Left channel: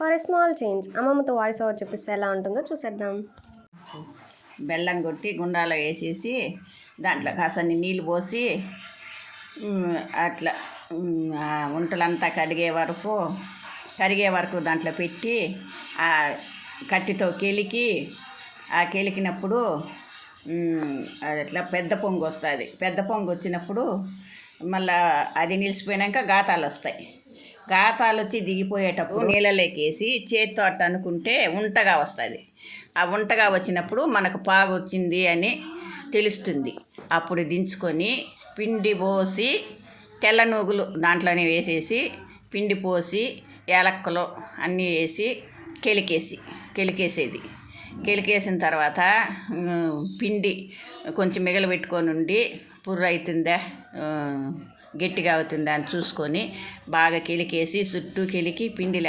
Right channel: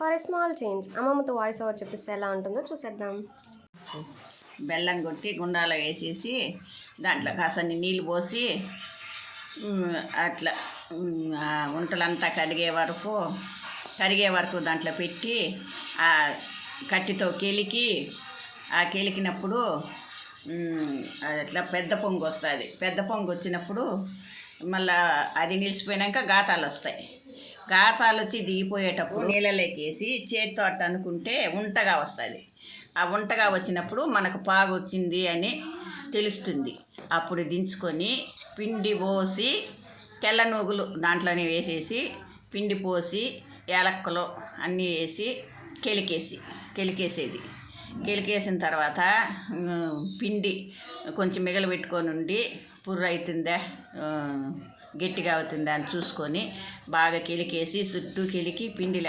For a small change అమ్మమ్మతో voice over చెప్పిస్తే ఎలా ఉంటుందో చూసేద్దాం. బెల్లం కొట్టి గుండాలో వేసేసి దాంట్లో కాసన్ని నీళ్ళు పోసి అట్లా వంటలంతా కరిగే వరకు దాంట్లో పెట్టి ఆ కట్టితో కెలికినప్పుడు అట్లా పెద్ద పొంగు వస్తుంది. పెద్ద పొంగు వచ్చినప్పుడు మళ్ళీ అది నిలిచిపోయాక గాతాలు వస్తాయి. గాతాలు వచ్చి దిగిపోయేటప్పుడు నీళ్ళలోకి వేసి చేతితో అట్ట అనుకుంటే ఉంటగా వస్తుంది. ఆ ఉంటగా వచ్చినప్పుడు మనకు పాగు వచ్చింది అని తెలుస్తుంది. అప్పుడు దించుకొని పిండి పోసి తెల్ల నూగులు దాంట్లోనే వేసేసి పిండి పోసి యాలక్కలు అన్నీ వేసి కెలికేసిన తర్వాత పిండి కొంచెం మిగలబెట్టుకొని ఉండి పుర్ర అవుతుందా గట్టిగా అవుతుందా అని చూసుకొని బాగా కెలికేసి చుట్టూ పిండి